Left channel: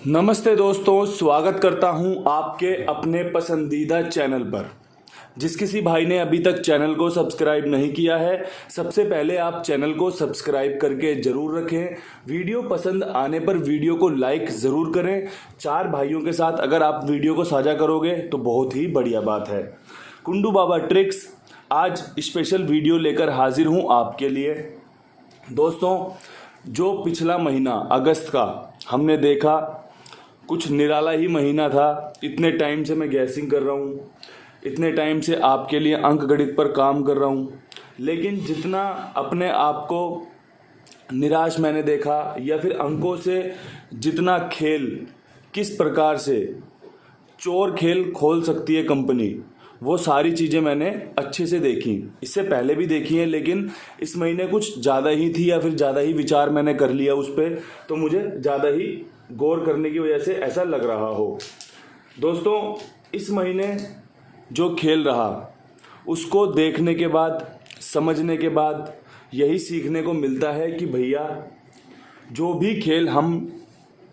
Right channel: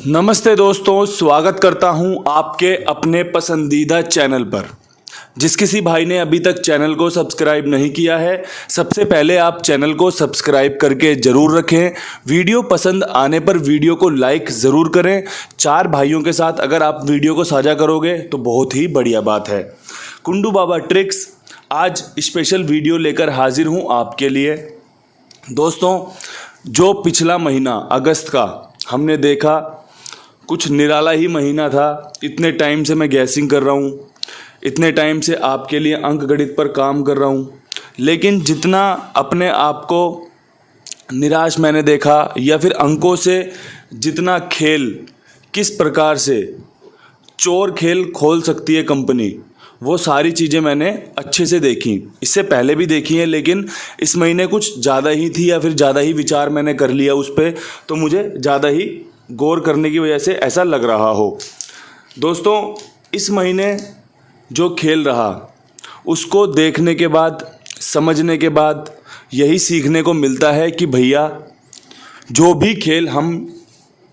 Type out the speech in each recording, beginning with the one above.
नमस्ते दोस्तों, स्वागत करता हूं आपके अपने पसंदीदा चैनल पर। जिस किसी भाई ने अभी तक चैनल को सब्सक्राइब नहीं किया है, सबसे पहले आप चैनल को सब्सक्राइब करके ज़रूर रखें। वीडियो पसंद आने पर वीडियो को लाइक ज़रूर करें। 4 भाइयों के साथ अगर आप वीडियो को साझा करोगे तो बहुत ही बढ़िया बात है। कुंडू बाबा ट्रिक्स आज स्पेशल वीडियो लेकर हाजिर हूँ आपके लिए। दोस्तों, जो पिछला महीना अगस्त का हमने देखा, कुछ निराला ही महीना था। इतने टाइम से मैं गैसिंग कर रहा हूँ, इतने टाइम से आपके लिए अंक गणित पर काम कर रहा हूँ, लेकिन जितना अपने आप को निराश मैंने देखा या फिर अंकों से जितना खेल किस प्रकार से चोर खेल खोल सकती है कंपनी, वो सारी चीज़ें मैंने अच्छे से देखी। इससे पहले भी देखी हैं, लेकिन इस महीने कुछ ज़्यादा ही थी या फिर ज़्यादा ही विचार मैंने कर लिया उस पर, तो मुझे ज़्यादा ही गौर करने की वजह से ऐसा लग रहा हो। दोस्तों, इस महीने जो खेल रहा उसको देखने के बाद, समझने के बाद यही सीखने को मिलता है कि भैया, जो भी खेल हम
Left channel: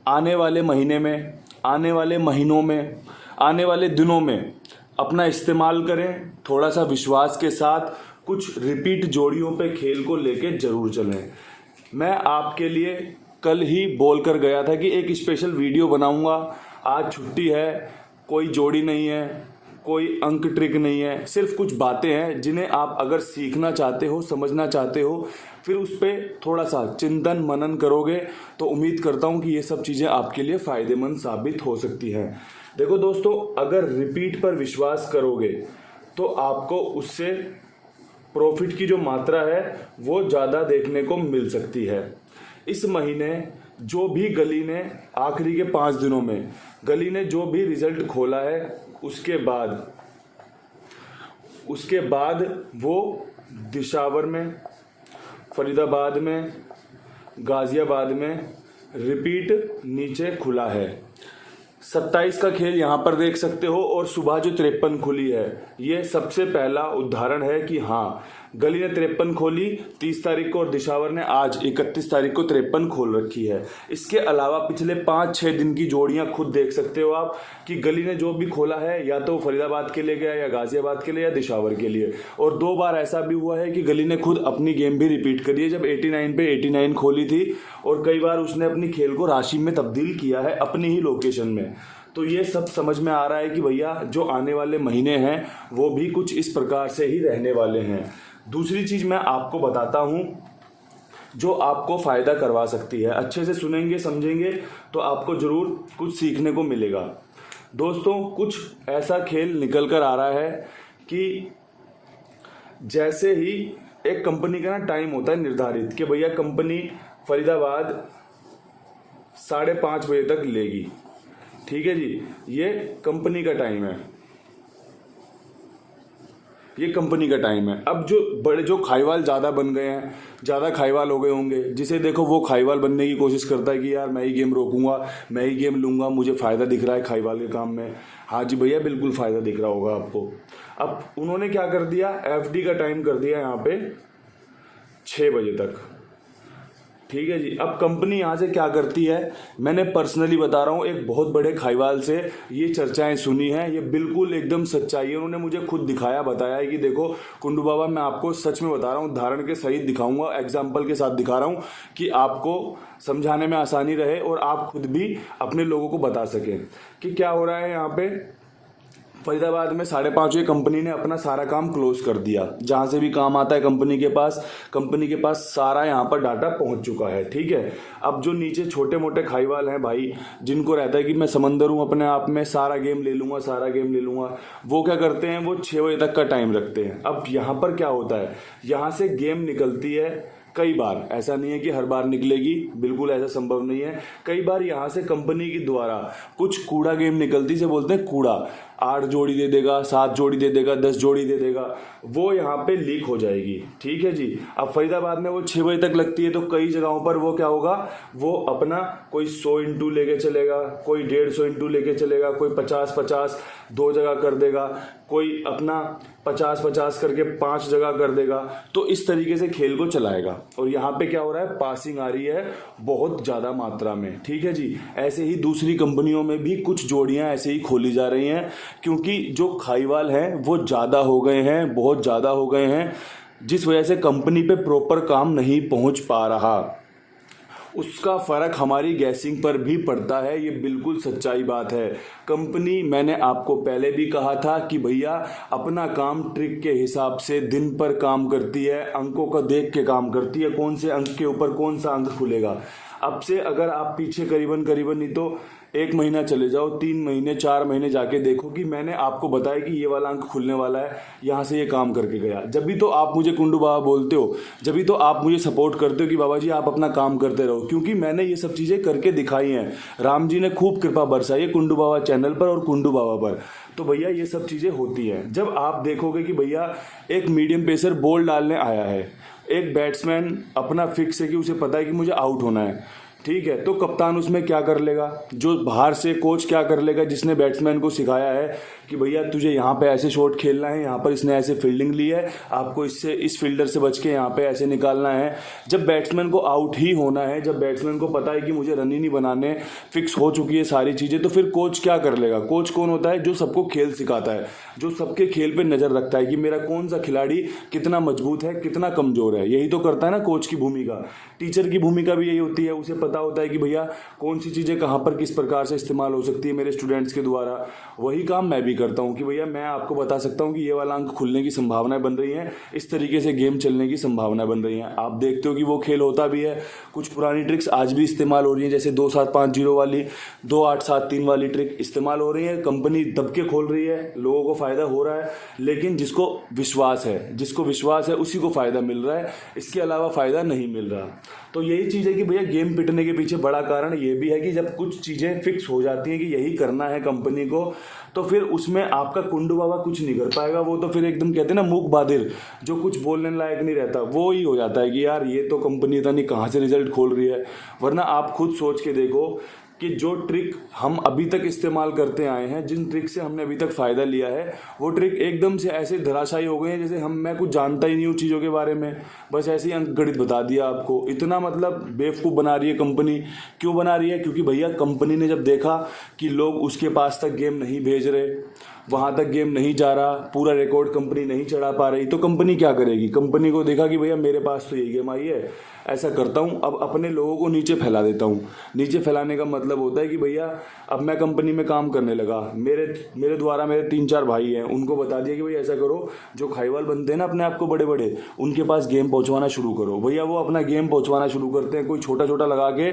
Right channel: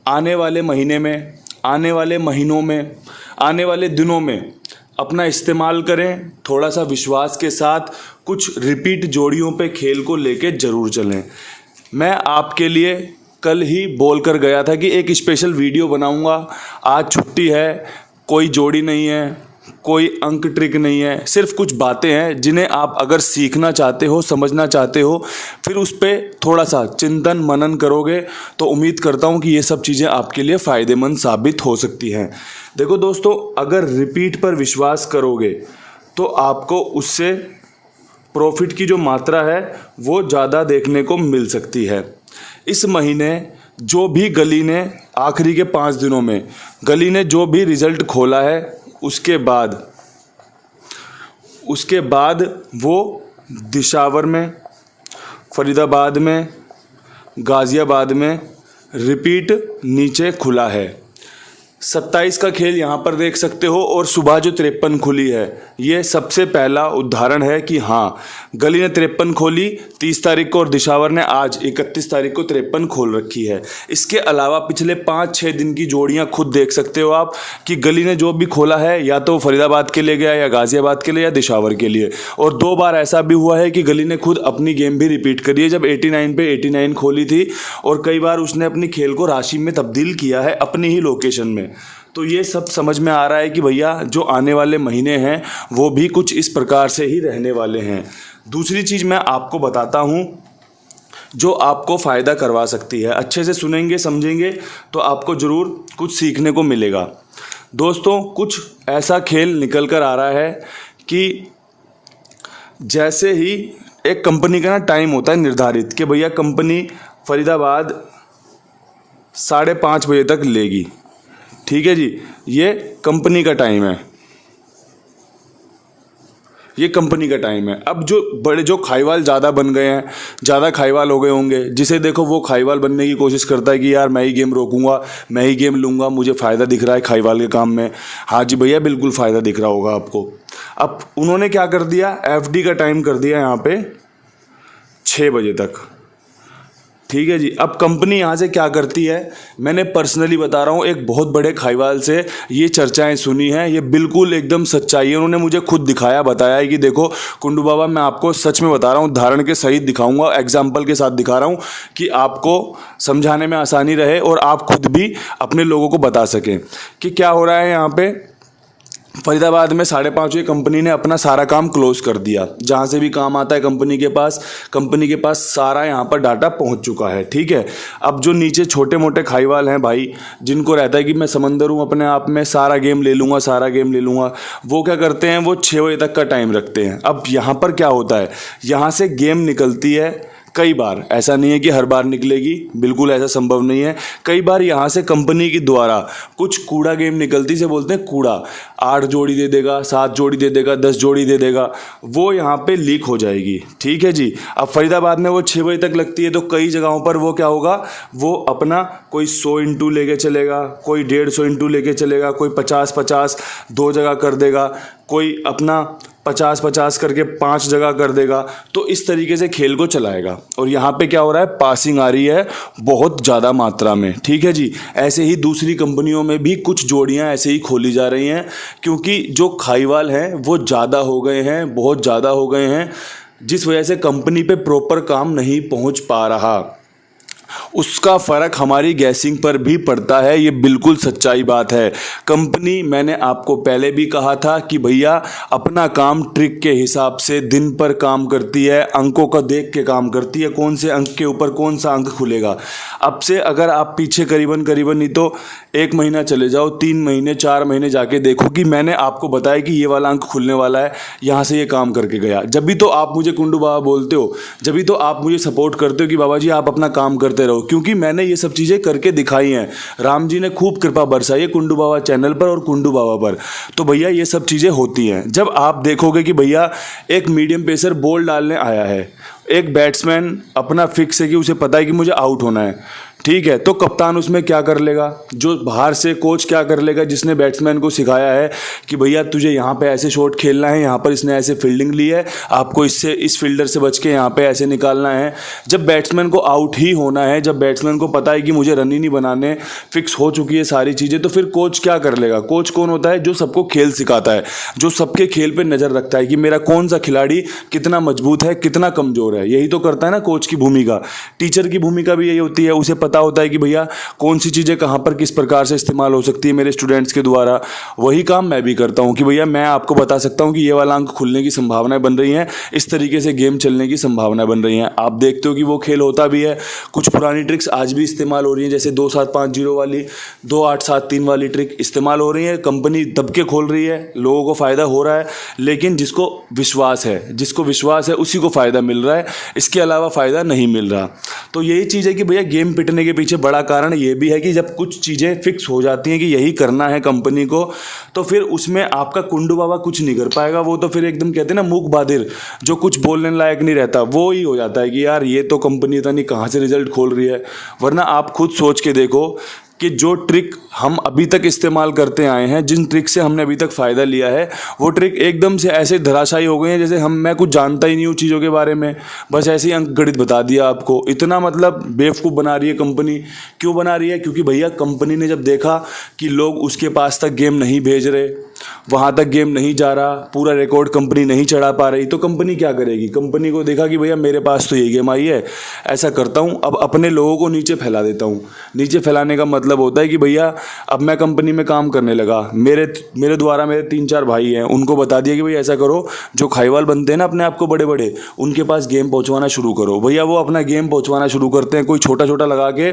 आने वाले महीने में, आने वाले महीनों में, आने वाले दिनों में अपना इस्तेमाल करें, थोड़ा सा विश्वास के साथ कुछ रिपीट जोड़ियों पे खेल को लेके ज़रूर चलें। मैं आपके लिए कल ही बोल कर गया था कि एक स्पेशल वीडियो बनाऊंगा। आज छुट्टी है, कोई जोड़ी नहीं है, कोई अंक ट्रिक नहीं है, सिर्फ कुछ बातें हैं जिन्हें आप अगर सीखना चाहते हो, समझना चाहते हो, फिर उस पर थोड़ा सा चिंतन मनन करोगे तो उम्मीद करता हूँ कि ये सब चीज़ें आपके लिए फ़ायदेमंद साबित हो सकती हैं। देखो दोस्तों, अगर रिपीट पर विश्वास करोगे तो आपको उससे प्रॉफिट की जो मात्रा है वो ज़्यादा देखने को मिल सकती है। इस महीने जो भी गली ने आखिरी के 5 दिनों में गली ने जो भी रिज़ल्ट खोला है, उसके बाद वो दिशावर में, फरीदाबाद में, गाज़ियाबाद में रिपीट नीचे खुला है। 27 का खेल यहाँ पर देख सकते हो, और सुबह जो 53 खुली है, ये सबसे पहला उदाहरण है कि हाँ, गली ने 53 खोली 30 तारीख को और दिशावर ने आज 31 तारीख को 53 खोल रखी है। इसके अलावा पिछले 5-6 दिन की जोड़ियाँ खुद देख सकते हो आप कि गली ने जो भी खोला है, या तो फरीदाबाद के लिए गया, या गाज़ियाबाद के लिए, या दिशावर के लिए। और 2 बार ऐसा भी हुआ है कि गली ने खुद अपनी गेम भी रिपीट करी है, जब 89 पे 89 खोली थी, और कई बार उसने अपनी खेल को राशि में तब्दील किया है अपनी ही लोकेशन में। तो ये सब समझ में आ रहा है कि भैया, जो आने वाले महीने हैं वो भी कुछ इस प्रकार से ही रहने वाले हैं। दूसरी चीज़ मैं आपको बताता हूँ जो आपको फ़ायदा करवा सकती है। अच्छे से सुनेंगे, समझेंगे तो आपको ज़रूर कुछ सीखने को मिलेगा। दोस्तों, कुछ ऐसा खेल निकल कर आ रहा है कि जैसे ही एक कंपनी का टाइम होता है निर्धारित कि भैया कंपनी फरीदाबाद 5:30 बजे तक लेगी, ठीक है जी, ये कंपनी का टाइम है, ये कंपनी का टाइम है। अब जो खाईवाल ज़्यादा बन गए हैं, ज़्यादा खाईवाल हो गए होंगे, जिसे देखो वो खाईवाल बनने की कोशिश करता है कि यार मैं ही गेम रोकूंगा, मैं ही गेम लूँगा, मुझे फ़ायदा दिख रहा है खाईवाल के काम में। हाँ जी भैया, बिल्कुल फ़ायदा दिख रहा होगा आपको। अब उन्होंने क्या कर दिया, FD का टाइम कर दिया यहाँ पे 6 बजे तक, ठीक है जी। अब कंपनी यहाँ से क्या करती है, मैंने पर्सनली बता रहा हूँ, एक बहुत बड़े खाईवाल से ये चर्चाएं सुनी हैं, ये बिल्कुल एकदम सच्चाई है। उन्होंने मुझे खुद दिखाया, बताया है कि देखो कुंडू बाबा, मैं आपको सच में बता रहा हूँ, उदाहरण के सहित दिखाऊंगा, एग्जाम्पल के साथ दिखा रहा हूँ कि आपको समझाने में आसानी रहे और आप खुद भी अपने लोगों को बता सकें कि क्या हो रहा है। यहाँ पे फरीदाबाद में 5:30 बजे कंपनी ने अपना सारा काम क्लोज कर दिया। जहाँ से भी काम आता है कंपनी के पास सारा यहाँ पर डाटा पहुँच चुका है, ठीक है। अब जो नीचे छोटे मोटे खाईवाल हैं भाई, जिनको रहता है कि मैं समंदर हूँ अपने आप में, सारा गेम ले लूँगा, वो क्या करते हैं, वो 6 बजे तक का टाइम रखते हैं। अब यहाँ पर क्या होता है, यहाँ से गेम निकलती है कई बार, ऐसा नहीं है कि हर बार निकलेगी, बिल्कुल ऐसा संभव नहीं है। कई बार यहाँ से कंपनी के द्वारा कुछ कूड़ा गेम निकलती, से बोलते हैं कूड़ा, 8 जोड़ी दे देगा, 7 जोड़ी दे देगा, 10 जोड़ी दे देगा, वो यहाँ पे लीक हो जाएगी, ठीक है जी। अब फरीदाबाद में वो 6 बजे तक लगती है, तो कई जगहों पर वो क्या होगा, वो अपना कोई 100 इंटू लेके चलेगा, कोई 150 इंटू लेके चलेगा, कोई 50-50 2 जगह कर देगा, कोई अपना 50-50 करके 5 जगह कर देगा, तो इस तरीके से खेल को चलाएगा। और यहाँ पे क्या हो रहा है, पासिंग आ रही है बहुत ज़्यादा मात्रा में, ठीक है जी। ऐसे ही दूसरी कंपनियों में भी कुछ जोड़ियाँ ऐसे ही खोली जा रही हैं, क्योंकि जो खाईवाल हैं वो ज़्यादा हो गए हैं, बहुत ज़्यादा हो गए हैं, जिस वजह से कंपनी पे प्रॉपर काम नहीं पहुंच पा रहा। उसका फ़र्क हमारी गैसिंग पर भी पड़ता है, ये बिल्कुल सच्चाई बात है। कंपनी, मैंने आपको पहले भी कहा था कि भैया अपना काम ट्रिक के हिसाब से दिन पर काम करती है, अंकों का देख के काम करती है, कौन से अंक के ऊपर कौन सा अंक खुलेगा। अब से अगर आप पीछे करीबन नहीं तो 1 महीना चले जाओ, 3 महीने 4 महीने जाके देखो कि मैंने आपको बताया कि ये वाला अंक खुलने वाला है, यहाँ से ये काम करके गया। जब भी तो आप मुझे कुंडू बाबा बोलते हो, जब भी तो आप मुझे सपोर्ट करते हो कि बाबा जी आप अपना काम करते रहो, क्योंकि मैंने ये सब चीज़ें करके दिखाई हैं। राम जी ने खूब कृपा बरसाई है कुंडू बाबा चैनल पर और कुंडू बाबा पर। तो भैया ये सब चीज़ें होती हैं। जब आप देखोगे कि भैया एक मीडियम पेसर बॉल डालने आया है, एक बैट्समैन अपना फिक्स है कि उसे पता है कि मुझे आउट होना है, ठीक है, तो कप्तान उसमें क्या कर लेगा, जो बाहर से कोच क्या कर लेगा, जिसने बैट्समैन को सिखाया है कि भैया तुझे यहाँ पे ऐसे शॉट खेलना है, यहाँ पर इसने ऐसे फील्डिंग ली है, आपको इससे इस फील्डर से बच के यहाँ पे ऐसे निकालना है। जब बैट्समैन को आउट ही होना है, जब बैट्समैन को पता है कि मुझे रन ही नहीं बनाने, फिक्स हो चुकी है सारी चीज़ें, तो फिर कोच क्या कर लेगा। कोच कौन होता है, जो सबको खेल सिखाता है, जो सबके खेल पर नज़र रखता है कि मेरा कौन सा खिलाड़ी कितना मजबूत है, कितना कमज़ोर है। यही तो करता है ना कोच की भूमिका। टीचर की भूमिका भी यही होती है, उसे पता होता है कि भैया कौन सी चीज़ें कहाँ पर किस प्रकार से इस्तेमाल हो सकती है मेरे स्टूडेंट्स के द्वारा। वही काम मैं भी करता हूँ कि भैया मैं आपको बता सकता हूँ कि ये वाला अंक खुलने की संभावनाएं बन रही हैं, इस तरीके से गेम चलने की संभावनाएं बन रही हैं। आप देखते हो कि वो खेल होता भी है। कुछ पुरानी ट्रिक्स आज भी इस्तेमाल हो रही हैं, जैसे 2-7-5-0 वाली, 2-8-7-3 वाली ट्रिक इस्तेमाल हो रही है। कंपनी दब के खोल रही है, लोगों को फ़ायदा हो रहा है, लेकिन जिसको विश्वास है उसी को फ़ायदा मिल रहा है, इसके अलावा फ़ायदा नहीं मिल रहा। तो यही चीज़ है कि भैया गेम पिटने के पीछे बड़ा कारण ये भी है कि जब कुछ चीज़ें फिक्स हो जाती हैं कि यही करना है कंपनी को, तो फिर उसमें आपका कुंडू बाबा कुछ नहीं कर पाएगा। वो तो फिर एकदम कहते हैं ना मूक बादिर, जो कुछ बोलने लायक नहीं रहता, वो ही हो जाता है कि यार ये तो कंपनी पता नहीं कहाँ से रिजल्ट खोल रही है। वरना आप खुद सोच के देखो कि जो ट्रिक हम अभी तक इस्तेमाल करते आए हैं, जिन ट्रिक से हमने अभी तक फ़ायदा लिया है, वो ट्रिक एकदम से ऐसे धराशायी हो गई हैं जैसे मैं कुछ जानता ही नहीं हूँ चीज़ों के बारे में, बस ऐसे ही अंक गणित बता दिया आपको। इतना मतलब बेवकूफ़ बना रही है कंपनी। क्यों बना रही है? क्योंकि भैया कंपनी ने जब देखा कि लोग उसके पास तक गेम नहीं भेज रहे, वहाँ तक गेम नहीं जा रहा, पूरा रिकॉर्ड कंपनी नहीं चढ़ा पा रही, तो कंपनी क्या करेगी। कंपनी को देखा कि भैया मेरे पास तो यही गेम आई है, ऐसा करता हूँ अब अपने लोगों को नीचे फैला देता हूँ। नीचे फैलाने का मतलब होता है कि भैया अब मैं कंपनी में काम करने लगा, मेरे द्वारा मेरे 3-4 भाई हैं, उनको बता दिया कि भैया ऐसा करो, जो खाईवाल बनते हैं ना अपने आप को बड़े बड़े, उनके पास गेम पहुँचवाना शुरू करो। भैया वो अपना गेम पहुँचवाना शुरू करते हैं, कोई छोटा छोटा लगा के।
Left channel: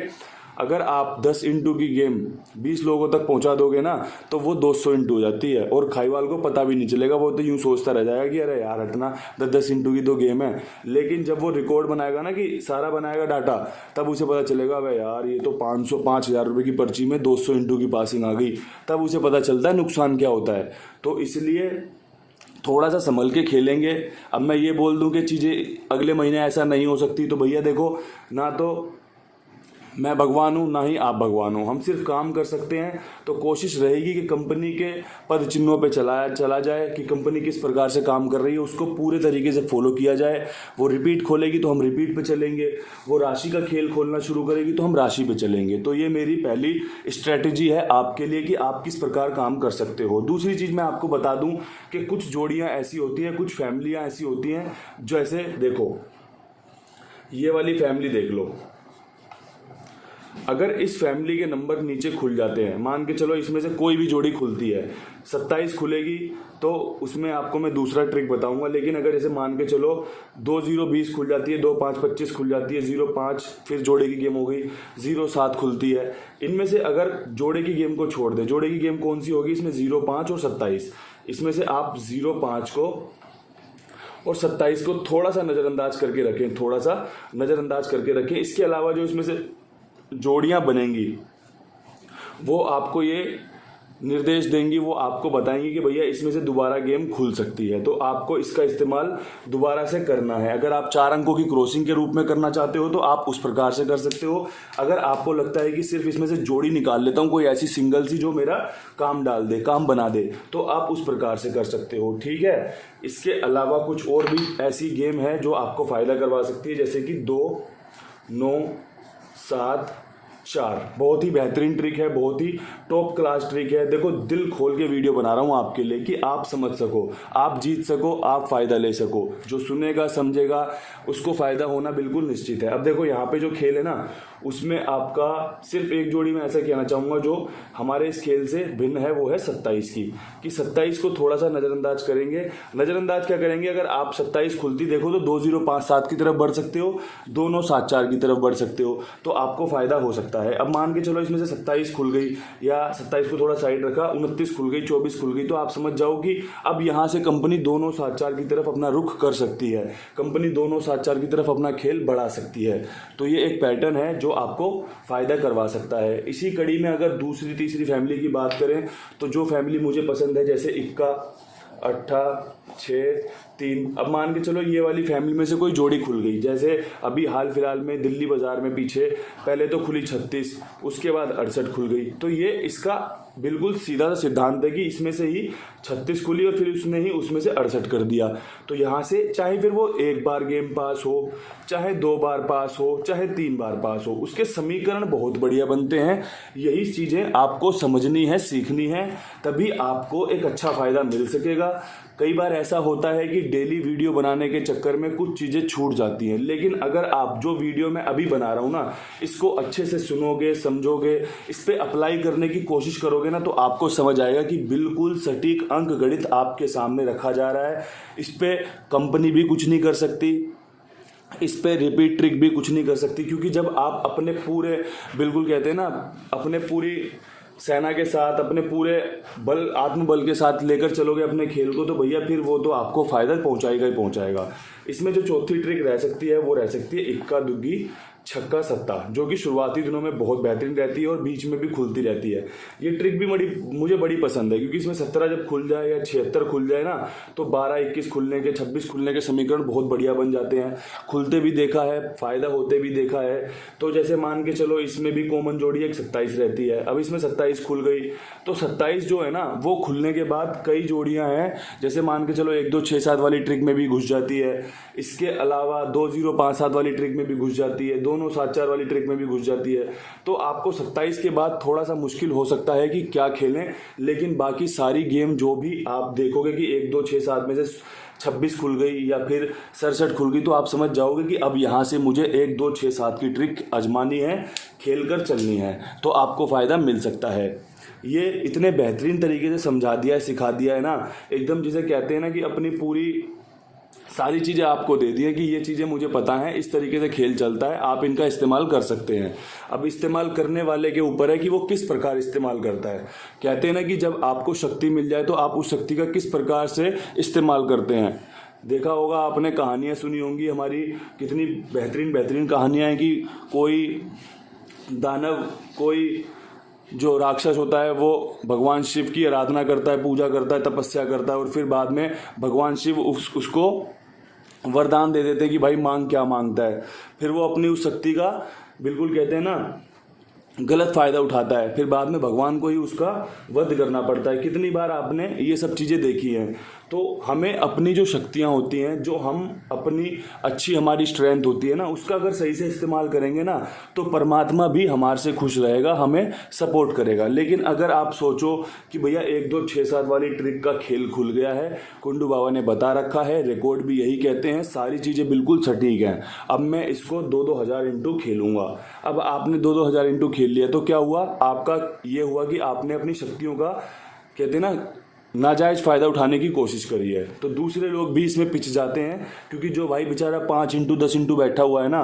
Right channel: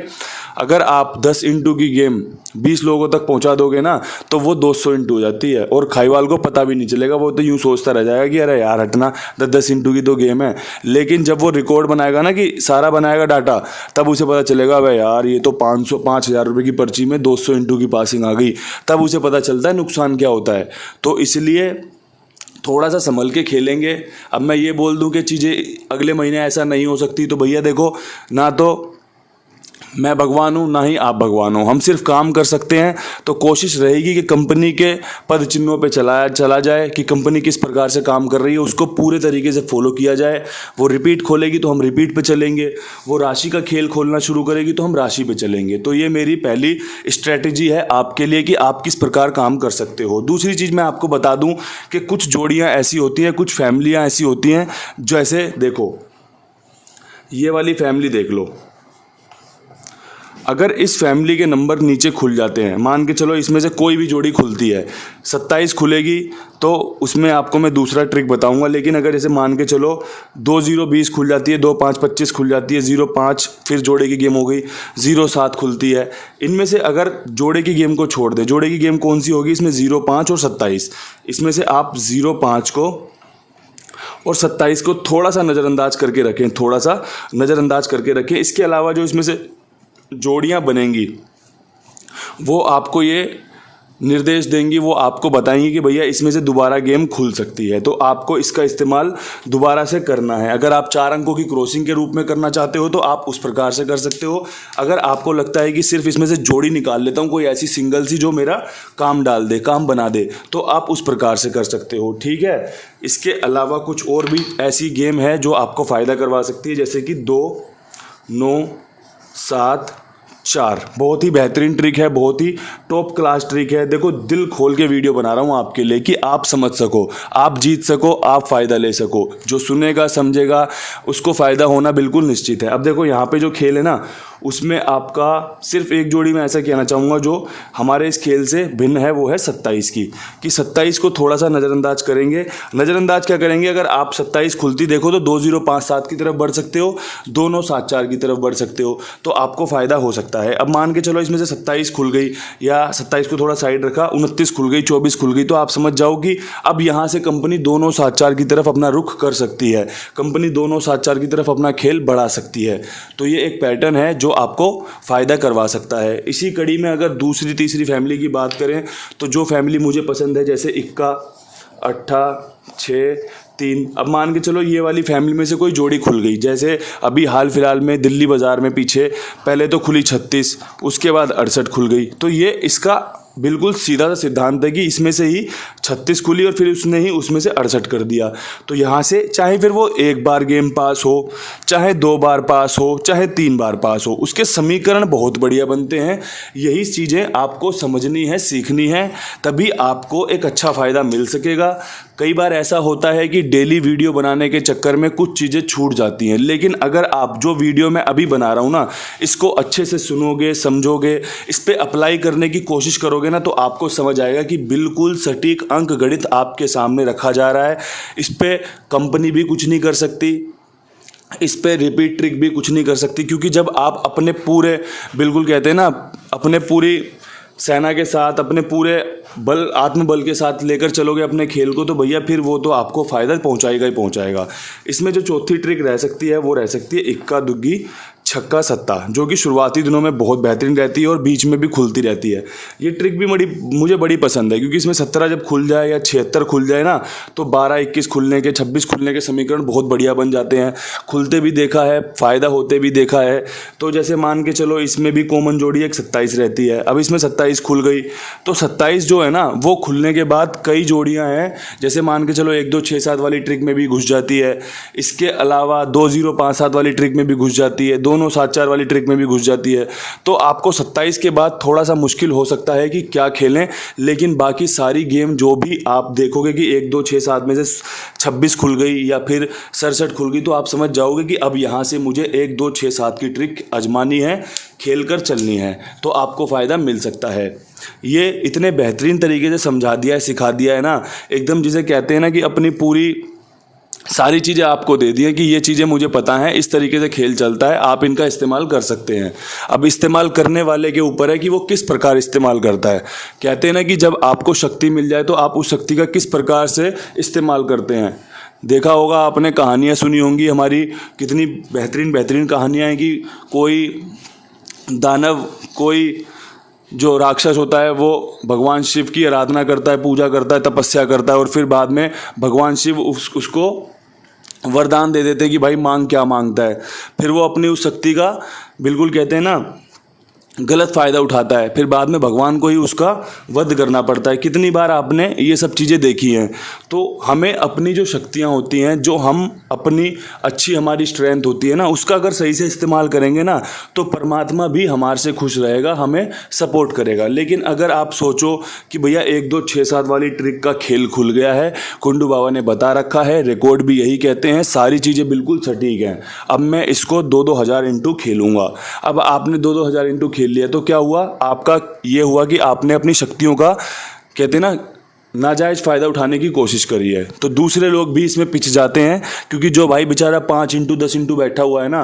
अगर आप 10 इंटू की गेम 20 लोगों तक पहुंचा दोगे ना, तो वो 200 इंटू हो जाती है, और खाईवाल को पता भी नहीं चलेगा। वो तो यूँ सोचता रह जाएगा कि अरे यार हटना, 10 इंटू की तो गेम है। लेकिन जब वो रिकॉर्ड बनाएगा ना, कि सारा बनाएगा डाटा, तब उसे पता चलेगा भाई यार ये तो 5,000 रुपये की पर्ची में 200 इंटू की पासिंग आ गई। तब उसे पता चलता है नुकसान क्या होता है। तो इसलिए थोड़ा सा संभल के खेलेंगे। अब मैं ये बोल दूं कि चीज़ें अगले महीने ऐसा नहीं हो सकती, तो भैया देखो, ना तो मैं भगवान हूँ ना ही आप भगवान हो, हम सिर्फ काम कर सकते हैं। तो कोशिश रहेगी कि कंपनी के पद चिन्हों पे चला जाए, कि कंपनी किस प्रकार से काम कर रही है उसको पूरे तरीके से फॉलो किया जाए। वो रिपीट खोलेगी तो हम रिपीट पे चलेंगे, वो राशि का खेल खोलना शुरू करेगी तो हम राशि पे चलेंगे। तो ये मेरी पहली स्ट्रैटेजी है आपके लिए कि आप किस प्रकार काम कर सकते हो। दूसरी चीज़ मैं आपको बता दूँ कि कुछ जोड़ियाँ ऐसी होती हैं, कुछ फैमिलियाँ ऐसी होती हैं, जैसे देखो ये वाली फैमिली देख लो, अगर इस फैमिली के नंबर नीचे खुल जाते हैं, मान के चलो इसमें से कोई भी जोड़ी खुलती है, 27 खुलेगी, तो उसमें आपको मैं दूसरा ट्रिक बताऊंगा। लेकिन अगर जैसे मान के चलो 2-0-20 खुल जाती है, 2-5-25 खुल जाती है, 0-5 फिर जोड़े की गेम हो गई, 0-7 खुलती है, इनमें से अगर जोड़े की गेम को छोड़ दें, जोड़े की गेम कौन सी होगी इसमें, 0-5 और 27, इसमें से आप 0-5 को और 27 को थोड़ा सा नज़रअंदाज करके रखें, थोड़ा सा नज़रअंदाज करके रखें। इसके अलावा जो इसमें से जोड़ियां बनेंगी वो आपको ये निर्देश देंगी, वो आपको बताएंगी कि भैया इसमें से दोबारा गेम खुल सकती है, तो आपको इसका इस्तेमाल दोबारा से करना है। अगर आप 4 अंकों की क्रॉसिंग के रूप में करना चाहते हो तो आप उस प्रकार से कर सकते हो। अगर आपको लगता है कि सिर्फ इसमें से जोड़ी निकाल लेता हूँ, कोई ऐसी सिंगल सी जो मेरा काम डाल दे, काम बना दे, तो आप उस प्रकार से कर सकते हो। ठीक है, इसके अलावा कुछ और भी ऐसी गेम है जो आपको फ़ायदा करवा सकती है, जैसे कि 2 9 7 4। बहुत ही बेहतरीन ट्रिक है, बहुत ही टॉप क्लास ट्रिक है। देखो, दिल खोल के वीडियो बना रहा हूँ आपके लिए कि आप समझ सको, आप जीत सको, आप फ़ायदा ले सको। जो सुनेगा समझेगा उसको फ़ायदा होना बिल्कुल निश्चित है। अब देखो, यहाँ पे जो खेल है ना, उसमें आपका सिर्फ एक जोड़ी में ऐसा कहना चाहूँगा जो हमारे इस खेल से भिन्न है, वो है 27 की, कि 27 को थोड़ा सा नज़रअंदाज करेंगे। नज़रअंदाज क्या करेंगे, अगर आप 27 खुलती देखो तो 2057 की तरफ बढ़ सकते हो, 2974 की तरफ बढ़ सकते हो, तो आपको फ़ायदा हो सकता है। अब मान के चलो इसमें से 27 खुल गई, या 27 को थोड़ा साइड रखा, 29 खुल गई, 24 खुल गई, तो आप समझ जाओ कि अब यहाँ से कंपनी 2974 की तरफ अपना रुख कर सकती है, कंपनी 2974 की तरफ अपना खेल बढ़ा सकती है। तो ये एक पैटर्न है जो आपको फ़ायदा करवा सकता है। इसी कड़ी में अगर दूसरी तीसरी फैमिली की बात करें तो जो फैमिली मुझे पसंद है, जैसे 21 8 6 3, अब मान के चलो ये वाली फैमिली में से कोई जोड़ी खुल गई, जैसे अभी हाल फिलहाल में दिल्ली बाज़ार में पीछे पहले तो खुली 36, उसके बाद 68 खुल गई, तो ये इसका बिल्कुल सीधा सा सिद्धांत है कि इसमें से ही 36 खुली और फिर उसने ही उसमें से 68 कर दिया। तो यहाँ से चाहे फिर वो एक बार गेम पास हो, चाहे 2 बार पास हो, चाहे 3 बार पास हो, उसके समीकरण बहुत बढ़िया बनते हैं। यही चीज़ें आपको समझनी है, सीखनी है, तभी आपको एक अच्छा फ़ायदा मिल सकेगा। कई बार ऐसा होता है कि डेली वीडियो बनाने के चक्कर में कुछ चीज़ें छूट जाती हैं, लेकिन अगर आप जो वीडियो मैं अभी बना रहा हूँ ना, इसको अच्छे से सुनोगे, समझोगे, इस पर अप्लाई करने की कोशिश करोगे ना, तो आपको समझ आएगा कि बिल्कुल सटीक अंक गणित आपके सामने रखा जा रहा है। इस पर कंपनी भी कुछ नहीं कर सकती, इस पे रिपीट ट्रिक भी कुछ नहीं कर सकती, क्योंकि जब आप अपने पूरे, बिल्कुल कहते हैं ना, अपने पूरी सेना के साथ, अपने पूरे बल, आत्मबल के साथ लेकर चलोगे अपने खेल को, तो भैया फिर वो तो आपको फ़ायदा पहुंचाएगा ही पहुंचाएगा। इसमें जो चौथी ट्रिक रह सकती है वो रह सकती है इक्का दुग्गी छक्का सत्ता, जो कि शुरुआती दिनों में बहुत बेहतरीन रहती है और बीच में भी खुलती रहती है। ये ट्रिक भी मुझे बड़ी पसंद है, क्योंकि इसमें 17 जब खुल जाए या 76 खुल जाए ना, तो 12 21 खुलने के, 26 खुलने के समीकरण बहुत बढ़िया बन जाते हैं। खुलते भी देखा है, फ़ायदा होते भी देखा है। तो जैसे मान के चलो इसमें भी कॉमन जोड़ी एक 27 रहती है, अब इसमें 27 खुल गई, तो 27 जो है ना, वो खुलने के बाद कई जोड़ियाँ हैं, जैसे मान के चलो 1 2 6 7 वाली ट्रिक में भी घुस जाती है, इसके अलावा 2 0 5 7 वाली ट्रिक में भी घुस जाती है, 2 9 7 4 वाली ट्रिक में भी घुस जाती है। तो आपको 27 के बाद थोड़ा सा मुश्किल हो सकता है कि क्या खेलें, लेकिन बाकी सारी गेम जो भी आप देखोगे कि 1 2 6 7 में से 26 खुल गई या फिर 67 खुल गई, तो आप समझ जाओगे कि अब यहाँ से मुझे 1 2 6 7 की ट्रिक आजमानी है, खेल कर चलनी है, तो आपको फ़ायदा मिल सकता है। ये इतने बेहतरीन तरीके से समझा दिया है, सिखा दिया है ना, एकदम जिसे कहते हैं ना कि अपनी पूरी सारी चीज़ें आपको दे दी है कि ये चीज़ें मुझे पता हैं, इस तरीके से खेल चलता है, आप इनका इस्तेमाल कर सकते हैं। अब इस्तेमाल करने वाले के ऊपर है कि वो किस प्रकार इस्तेमाल करता है। कहते हैं ना कि जब आपको शक्ति मिल जाए तो आप उस शक्ति का किस प्रकार से इस्तेमाल करते हैं। देखा होगा आपने, कहानियाँ सुनी होंगी हमारी, कितनी बेहतरीन बेहतरीन कहानियाँ हैं कि कोई दानव, कोई जो राक्षस होता है वो भगवान शिव की आराधना करता है, पूजा करता है, तपस्या करता है, और फिर बाद में भगवान शिव उसको वरदान दे देते हैं कि भाई मांग क्या मांगता है। फिर वो अपनी उस शक्ति का, बिल्कुल कहते हैं ना, गलत फ़ायदा उठाता है, फिर बाद में भगवान को ही उसका वध करना पड़ता है। कितनी बार आपने ये सब चीज़ें देखी हैं। तो हमें अपनी जो शक्तियाँ होती हैं, जो हम अपनी अच्छी हमारी स्ट्रेंथ होती है ना, उसका अगर सही से इस्तेमाल करेंगे ना, तो परमात्मा भी हमारे से खुश रहेगा, हमें सपोर्ट करेगा। लेकिन अगर आप सोचो कि भैया 1 2 6 7 वाली ट्रिक का खेल खुल गया है, कुंडू बाबा ने बता रखा है, रिकॉर्ड भी यही कहते हैं, सारी चीज़ें बिल्कुल सटीक हैं, अब मैं इसको 2 हज़ार इंटू खेलूँगा। अब आपने 2 हज़ार इंटू खेल लिया, तो क्या हुआ, आपका ये हुआ कि आपने अपनी शक्तियों का, कहते हैं ना, नाजायज़ फ़ायदा उठाने की कोशिश करी है। तो दूसरे लोग भी इसमें पिछ जाते हैं, क्योंकि जो भाई बेचारा 5 इंटू 10 इंटू बैठा हुआ है ना,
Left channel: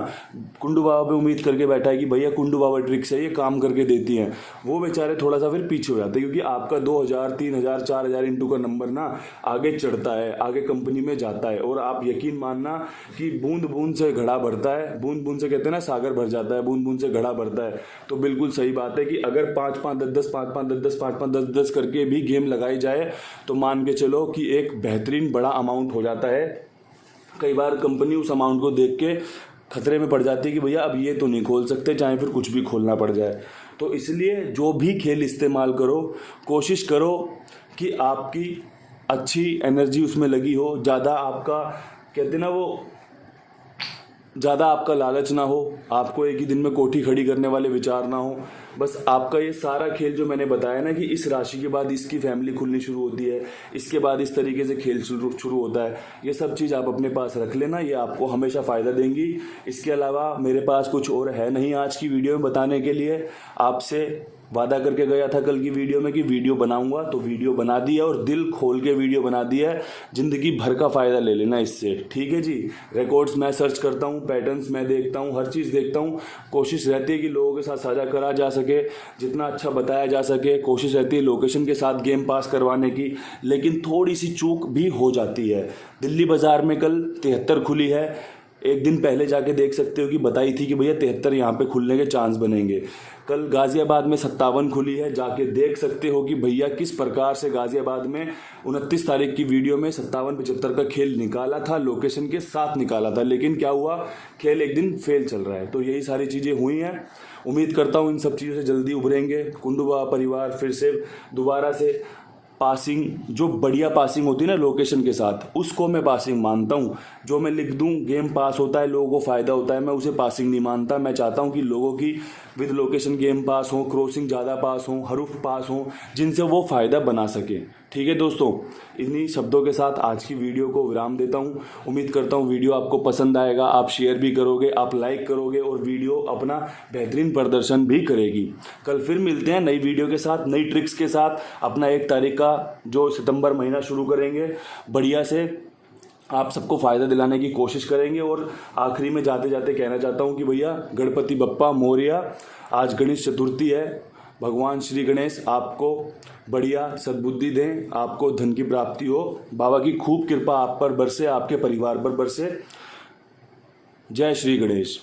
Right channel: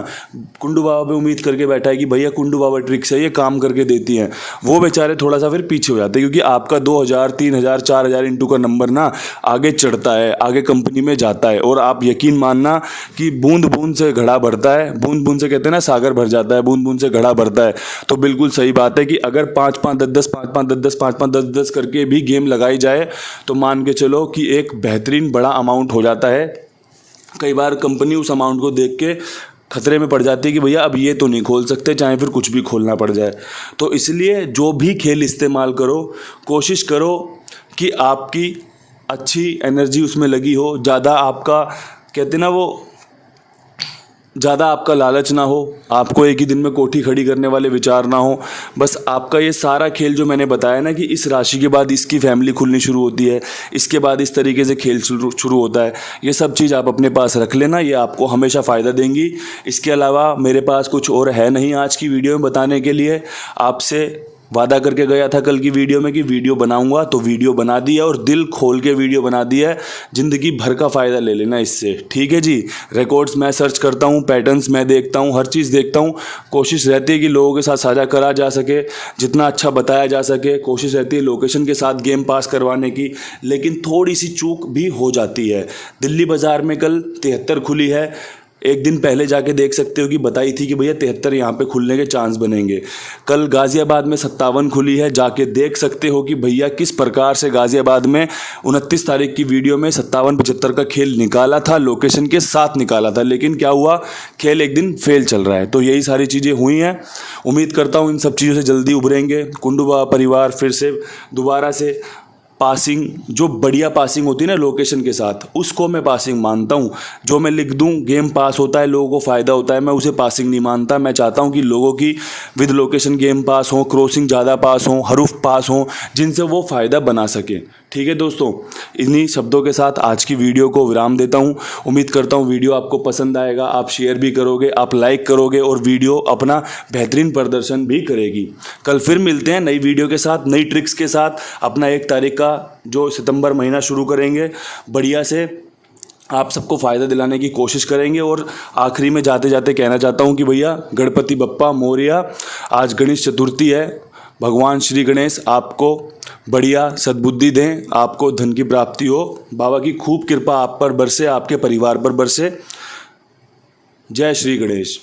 कुंडू बाबा पे उम्मीद करके बैठा है कि भैया कुंडू बाबा ट्रिक्स है, ये काम करके देती हैं, वो बेचारे थोड़ा सा फिर पीछे हो जाते हैं, क्योंकि आपका 2000 3000 4000 इंटू का नंबर ना आगे चढ़ता है, आगे कंपनी में जाता है। और आप यकीन मानना कि बूंद बूंद से घड़ा भरता है, बूंद बूंद से कहते हैं ना सागर भर जाता है, बूंद बूंद से घड़ा भरता है। तो बिल्कुल सही बात है कि अगर 5-5 10-10 5-5 10-10 5-5 10-10 करके भी गेम लगाई जाए तो मान के चलो कि एक बेहतरीन बड़ा अमाउंट हो जाता है। कई बार कंपनी उस अमाउंट को देख के खतरे में पड़ जाती है कि भैया अब ये तो नहीं खोल सकते, चाहे फिर कुछ भी खोलना पड़ जाए। तो इसलिए जो भी खेल इस्तेमाल करो, कोशिश करो कि आपकी अच्छी एनर्जी उसमें लगी हो, ज़्यादा आपका कहते ना वो ज़्यादा आपका लालच ना हो, आपको एक ही दिन में कोठी खड़ी करने वाले विचार ना हो। बस आपका ये सारा खेल जो मैंने बताया ना कि इस राशि के बाद इसकी फैमिली खुलनी शुरू होती है, इसके बाद इस तरीके से खेल शुरू होता है, ये सब चीज़ आप अपने पास रख लेना, ये आपको हमेशा फ़ायदा देंगी। इसके अलावा मेरे पास कुछ और है नहीं आज की वीडियो में बताने के लिए। आपसे वादा करके गया था कल की वीडियो में कि वीडियो बनाऊंगा, तो वीडियो बना दी है, और दिल खोल के वीडियो बना दी है। ज़िंदगी भर का फ़ायदा ले लेना इससे, ठीक है जी। रिकॉर्ड्स मैं सर्च करता हूँ, पैटर्न्स मैं देखता हूँ, हर चीज़ देखता हूँ। कोशिश रहती है कि लोगों के साथ साझा करा जा सके, जितना अच्छा बताया जा सके। कोशिश रहती है लोकेशन के साथ गेम पास करवाने की, लेकिन थोड़ी सी चूक भी हो जाती है। दिल्ली बाज़ार में कल 73 खुली है, एक दिन पहले जाके देख सकते हो कि बताई थी कि भैया 73 यहाँ पे खुलने के चांस बनेंगे। कल गाज़ियाबाद में 57 खुली है, जाके देख सकते हो कि भैया किस प्रकार से गाज़ियाबाद में 29 तारीख की वीडियो में 57-75 का खेल निकाला था, लोकेशन के साथ निकाला था, लेकिन क्या हुआ, खेल एक दिन फेल चल रहा है। तो यही सारी चीज़ें हुई हैं। उम्मीद करता हूँ इन सब चीज़ों से जल्दी उभरेंगे। कुंडू बाबा परिवार फिर से दोबारा से पासिंग, जो बढ़िया पासिंग होती है ना लोकेशन के साथ, उसको मैं पासिंग मानता हूँ। जो मैं लिख दूँ गेम पास होता है, लोगों को फ़ायदा होता है, मैं उसे पासिंग नहीं मानता। मैं चाहता हूँ कि लोगों की विद लोकेशन गेम पास हो, क्रॉसिंग ज़्यादा पास हो, हरूफ पास हो, जिनसे वो फ़ायदा बना सकें। ठीक है दोस्तों, इन्हीं शब्दों के साथ आज की वीडियो को विराम देता हूँ। उम्मीद करता हूँ वीडियो आपको पसंद आएगा, आप शेयर भी करोगे, आप लाइक करोगे, और वीडियो अपना बेहतरीन प्रदर्शन भी करेगी। कल फिर मिलते हैं नई वीडियो के साथ, नई ट्रिक्स के साथ। अपना 1 तारीख का जो सितंबर महीना शुरू करेंगे, बढ़िया से आप सबको फ़ायदा दिलाने की कोशिश करेंगे। और आखिरी में जाते जाते कहना चाहता हूँ कि भैया गणपति बप्पा मोरया, आज गणेश चतुर्थी है। भगवान श्री गणेश आपको बढ़िया सद्बुद्धि दें, आपको धन की प्राप्ति हो, बाबा की खूब कृपा आप पर बरसे, आपके परिवार पर बरसे। जय श्री गणेश।